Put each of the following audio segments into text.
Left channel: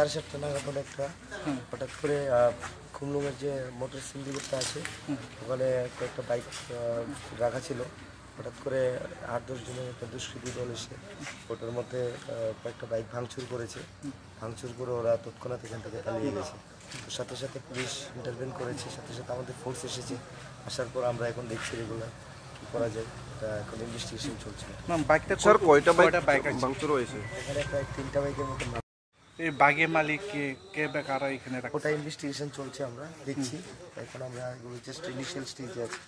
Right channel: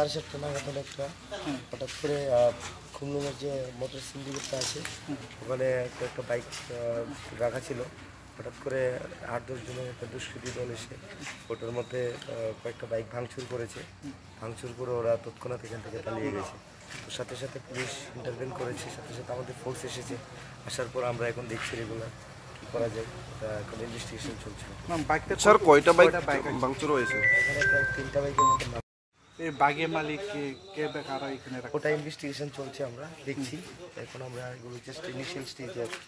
7:30 নাগাদ একটা হঠাৎ করে খুমলুঙের যে মোটর সিন্ডিকেটটা আছে ওখানে কয়েকটা বাইক রাখা ছিল। হঠাৎ করে 8-10 জনের একটা দুষ্কৃতী দল এসে ওটার মধ্যে কয়েকটা বাইক ভাঙচুর করেছে। ভাঙচুর করে ওরা তৎক্ষণাৎ এখান থেকে পালিয়ে গেছে। তো সাথে সাথে পুলিশ ইন্টারভেন করেছে, সাথে সাথে আমাদের ফোর্স এসেছে। আসার পর আমরা এখন দেখছি রেগুলার কী করা যায়, এটা এখন ইনভেস্টিগেশন চলছে। স্যার কয়টা বাইক ভাঙচুর হয়েছে? এখানে প্রায় 3টা বাইকের মতো। বাগের মালিক কে কারা এখানে? ওটা ইনভেস্টিগেশন চলছে, আমরা দেখছি এখন। আমরা এগুলো জাস্ট ইনিশিয়াল স্টেজে আছি,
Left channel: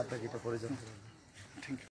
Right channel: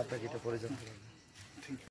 আপনাকে এটা পরে জানতে পারবো।